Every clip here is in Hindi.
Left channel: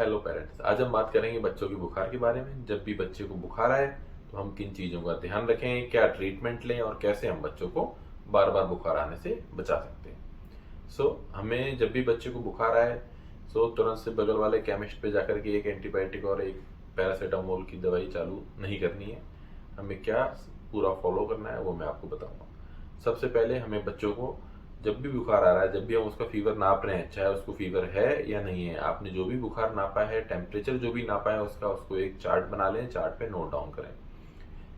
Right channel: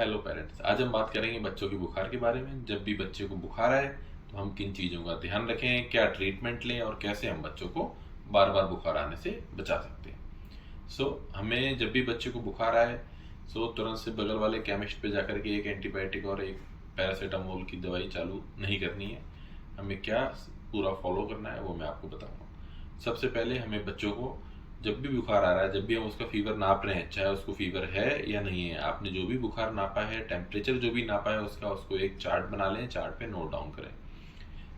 हेलो पेरेंट्स, आज हम बात करेंगे बच्चों के बुखार के बारे में। जब भी बच्चे को बुखार आए तो हम किन चीज़ों का ध्यान रखें, क्या ट्रीटमेंट लें और कैसे हम बच्चों को बार बार बुखार आने से बचा सकते हैं। हमें जब भी बच्चे को बुखार आए तुरंत से बगल वाले केमिस्ट पे जाकर के एक एंटीबायोटिक और एक पैरासीटामोल की दवाई चालू नहीं करनी है। हमें क्या पूरा फॉलो करना है वो मैं आपको बताऊंगा। सबसे पहले हमें बच्चों को जब भी बुखार आ रहा है, जब भी हम उसका फीवर नाप रहे हैं, चाहे उसको फीवर है या नहीं है, आपने जो भी बुखार नापा है, टेम्परेचर जो भी नापा है उसका, उसको एक चार्ट बना लें, चार्ट पे नोट डाउन करें।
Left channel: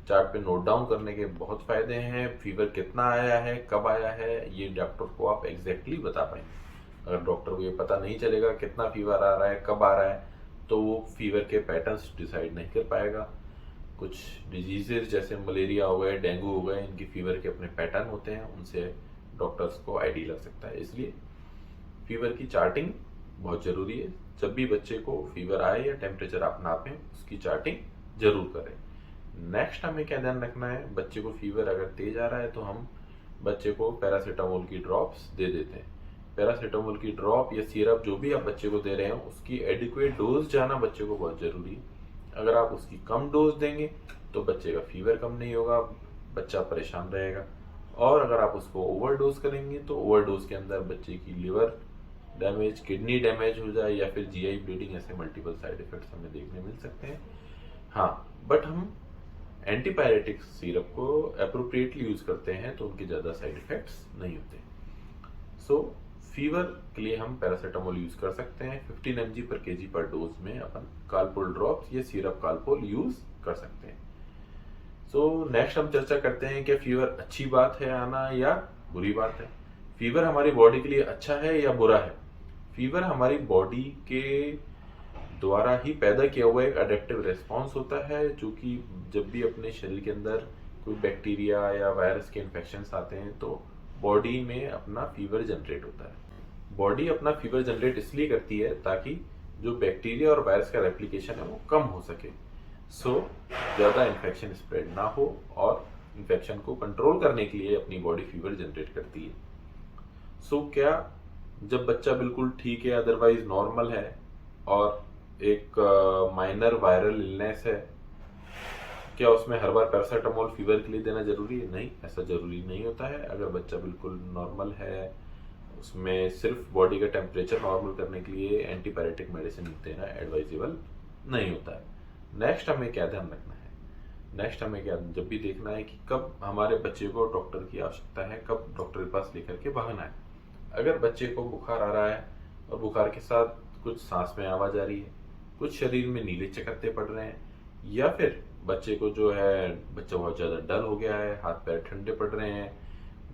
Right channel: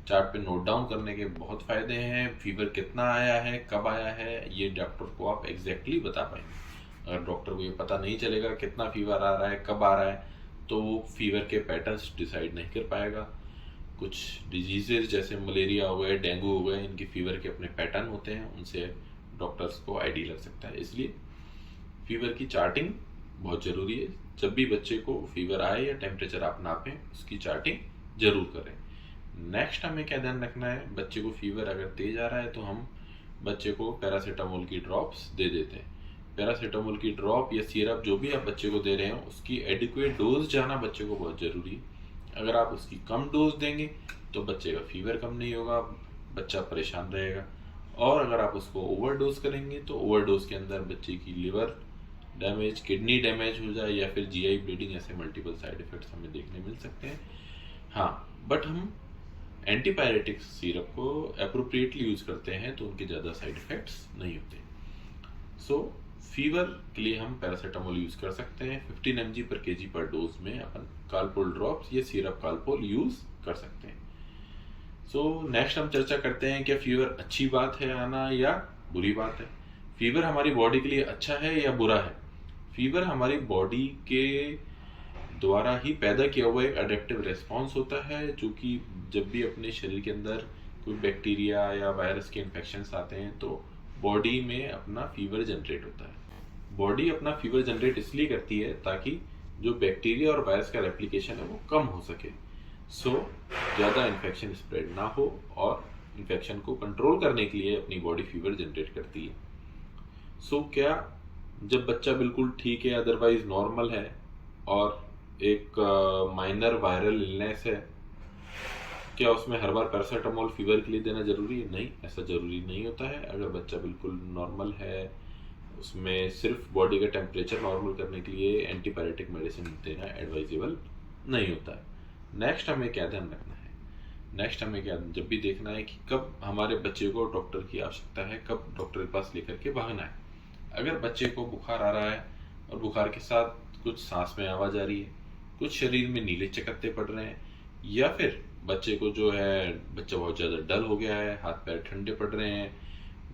चार्ट पे नोट डाउन करने के बहुत फायदे हैं। फीवर कितना आया है, कब आया है, ये डॉक्टर को आप एग्जैक्टली बता पाएंगे। अगर डॉक्टर को ये पता नहीं चलेगा कितना फीवर आ रहा है, कब आ रहा है, तो वो फीवर के पैटर्न्स डिसाइड नहीं कर पाएगा। कुछ डिजीजेज जैसे मलेरिया हो गए, डेंगू हो गए, इनके फीवर के अपने पैटर्न होते हैं, उनसे डॉक्टर्स को आईडी लग सकता है। इसलिए फीवर की चार्टिंग बहुत ज़रूरी है। जब भी बच्चे को फीवर आए या टेम्परेचर आप नापें, उसकी चार्टिंग जरूर करें। नेक्स्ट हमें क्या ध्यान रखना है, बच्चे को फीवर अगर तेज आ रहा है तो हम बच्चे को पैरासीटामोल की ड्रॉप्स दे देते हैं। पैरासीटामोल की ड्रॉप या सिरप जो भी आप बच्चे को दे रहे हो, उसकी एडिक्वेट डोज जाना बच्चे को बहुत ज़रूरी है। अगर आप उसकी कम डोज देंगे तो बच्चे का फीवर कम नहीं होगा, बच्चा परेशान रहेगा। और अगर आप उसको ओवरडोज करेंगे तो ओवरडोज के अंदर बच्चे की लिवर डैमेज, किडनी डैमेज हो जाए या फिर जीआई ब्लीडिंग, ऐसे मल्टीपल साइड इफेक्ट्स हमें देखने मिल सकते हैं। हाँ, बट हम एंटीबायोटिक सिरप को अप्रोप्रिएटली यूज़ करते हैं तो उनके ज़्यादा साइड इफेक्ट्स नहीं होते। फीवर के लिए हम पैरासीटामोल यूज़ कर सकते हैं। 15 mg पर केजी पर डोज में अपन कालपोल ड्रॉप्स या सिरप कालपोल यूज़ कर सकते हैं। नेक्स्ट हम चर्चा करते हैं कि फीवर अच्छी बात है आना या बुरी बात है। फीवर हमारी बॉडी के लिए अच्छा है या बुरा है? फीवर हमारी बॉडी के द्वारा ही पैदा किया हुआ एक अडेप्टिव रिस्पॉन्स होता है, जो कि जब भी अपने शरीर के अंदर कोई बैक्टीरिया या वायरस के इन्फेक्शंस आते हैं तो बॉडी में अपना फीवर जनरेट होता है। बॉडी अपना फीवर जनरेट इसलिए करती है ताकि जो बैक्टीरिया और वायरस का रेप्लिकेशन है वो कम हो सके, ज़्यादा इन्फेक्शन स्प्रेड ना हो, और इन्फेक्शन को कंट्रोल करने के लिए अपनी बॉडी फीवर जनरेट करती है। क्या जब बच्चा बिल्कुल ठीक है, अदरवाइज नॉर्मल है, और एक माइनर वायरल इलनेस है, क्या उसमें हर बार पैरासीटामोल फीवर के लिए देना जरूरी है? नहीं, ऐसा जरूरी नहीं होता है। अगर बच्चा बिल्कुल नॉर्मल है, उसमें सिर्फ बॉडी का टेम्परेचर नॉर्मल करने के लिए एंटीबायोटिक मेडिसिन देना एडवाइजेबल नहीं होता है। नेक्स्ट हमें क्या ध्यान रखना है, नेक्स्ट हमें क्या जब भी देखना है कि कब हमारे बच्चे को डॉक्टर की आवश्यकता है, कब डॉक्टर के पास लेकर के भागना है। अगर बच्चे को बुखार आ रहा है और बुखार के साथ कुछ सांस में आवाज़ आ रही है, कुछ शरीर में नीले चकत्ते पड़ रहे हैं, या फिर बच्चे को जो है, बच्चा बहुत ज़्यादा डल हो गया है, हाथ पैर ठंडे पड़ रहे हैं,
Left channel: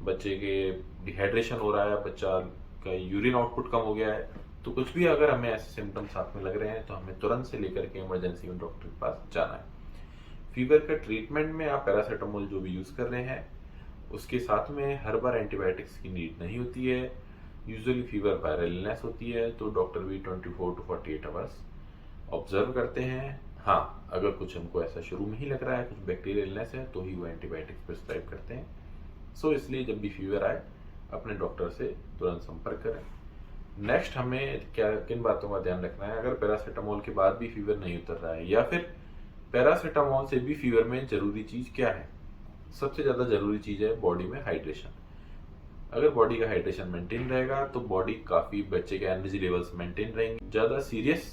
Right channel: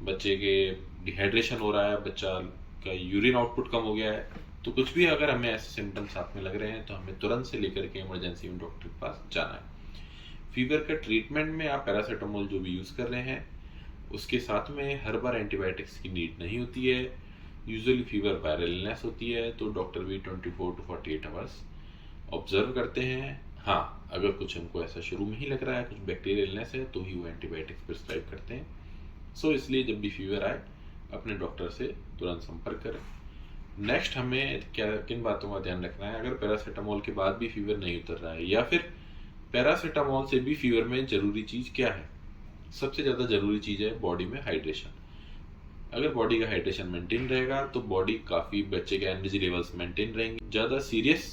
बच्चे के डिहाइड्रेशन हो रहा है, बच्चा का यूरिन आउटपुट कम हो गया है, तो कुछ भी अगर हमें ऐसे सिम्टम्स साथ में लग रहे हैं तो हमें तुरंत से लेकर के इमरजेंसी में डॉक्टर के पास जाना है। फीवर का ट्रीटमेंट में आप पैरासीटामोल जो भी यूज़ कर रहे हैं उसके साथ में हर बार एंटीबायोटिक्स की नीड नहीं होती है। यूजुअली फीवर वायरल इलनेस होती है तो डॉक्टर भी 24 to 48 आवर्स ऑब्जर्व करते हैं। हाँ, अगर कुछ हमको ऐसा शुरू में ही लग रहा है कुछ बैक्टीरियल इलनेस है तो ही वो एंटीबायोटिक्स प्रिस्क्राइब करते हैं। इसलिए जब भी फीवर आए अपने डॉक्टर से तुरंत संपर्क करें। नेक्स्ट हमें क्या किन बातों का ध्यान रखना है, अगर पैरासीटामोल के बाद भी फीवर नहीं उतर रहा है, या फिर पैरासीटामोल से भी फीवर में ज़रूरी चीज़ क्या है? सबसे ज़्यादा ज़रूरी चीज़ है बॉडी में हाइड्रेशन। अगर बॉडी का हाइड्रेशन मेंटेन रहेगा तो बॉडी काफ़ी, बच्चे के एनर्जी लेवल्स मेंटेन रहेंगे, ज़्यादा सीरियस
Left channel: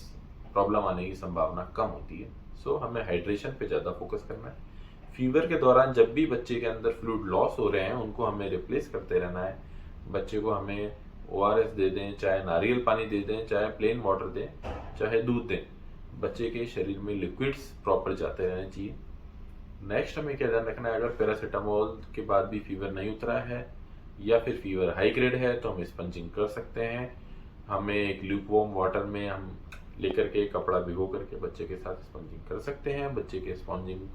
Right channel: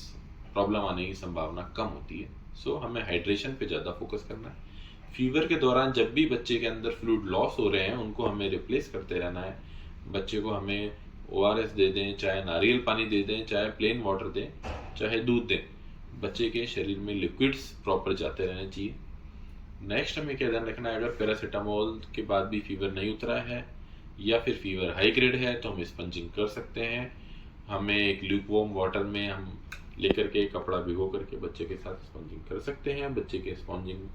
प्रॉब्लम आने की संभावना कम होती है। हमें हाइड्रेशन पे ज़्यादा फोकस करना है। फीवर के दौरान जब भी बच्चे के अंदर फ्लूइड लॉस हो रहे हैं उनको हमें रिप्लेस करते रहना है। बच्चे को हमें ओआरएस दे दें, चाहे नारियल पानी दे दें, चाहे प्लेन वाटर दें, चाहे दूध दें, बच्चे के शरीर में लिक्विड्स प्रॉपर जाते रहने चाहिए। नेक्स्ट हमें क्या ध्यान रखना है, अगर पैरासीटामोल के बाद भी फीवर नहीं उतरा है या फिर फीवर हाई ग्रेड है तो हम स्पंजिंग कर सकते हैं। हमें एक ल्यूकवार्म वाटर में हम लेकर के कपड़ा भिगो करके बच्चे के साथ स्पंजिंग कर सकते हैं। बच्चे के स्पंजिंग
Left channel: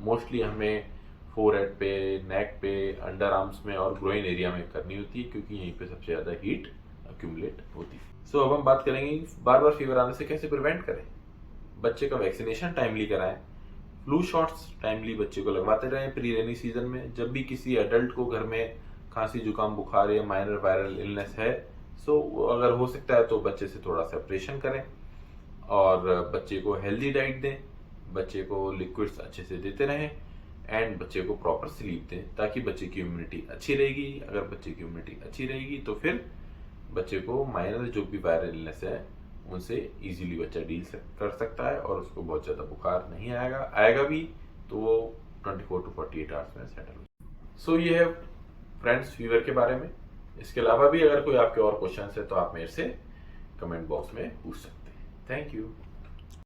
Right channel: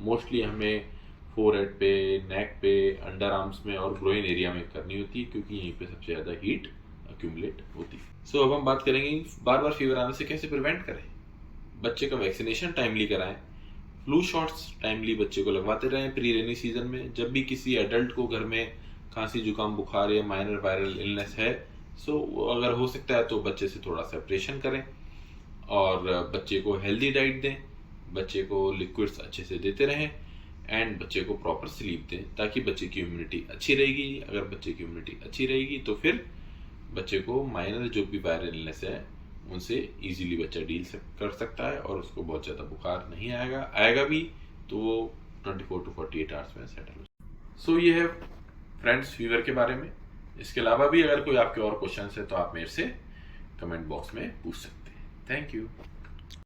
मोस्टली हमें फोरहेड पे, नेक पे, अंडर आर्म्स में और ग्रोइन एरिया में करनी होती है क्योंकि यहीं पे सबसे ज़्यादा हीट अक्यूमुलेट होती है। अब हम बात करेंगे बार बार फीवर आने से कैसे प्रिवेंट करें। बच्चे का वैक्सीनेशन टाइमली कराएं, फ्लू शॉट्स टाइमली बच्चे को लगवाते रहें प्री रेनी सीजन में। जब भी किसी एडल्ट को घर में खांसी, जुकाम, बुखार या माइनर वायरल इलनेस है, अगर हो सकता है तो बच्चे से थोड़ा सेपरेशन करें। और बच्चे को हेल्दी डाइट दें, बच्चे को लिक्विड्स अच्छे से देते रहें एंड बच्चे को प्रॉपर स्लीप दें, ताकि बच्चे की इम्यूनिटी अच्छी रहेगी। अगर बच्चे की इम्यूनिटी अच्छी रहेगी तो फिर बच्चे को माइनर जो भी वायरल इलनेस है उनसे इजीली बच्चा डील कर सकता है और उसको बहुत ज़्यादा बुखार नहीं आएगा भी तो वो 24 to 48 आवर्स में सेटल हो। सो ये है फ्रेंड्स फीवर के बारे में। इसके अलावा भी अगर कोई आपके और क्वेश्चन है तो आप मेरे से कमेंट बॉक्स में पूछ सकते हैं। Thank you.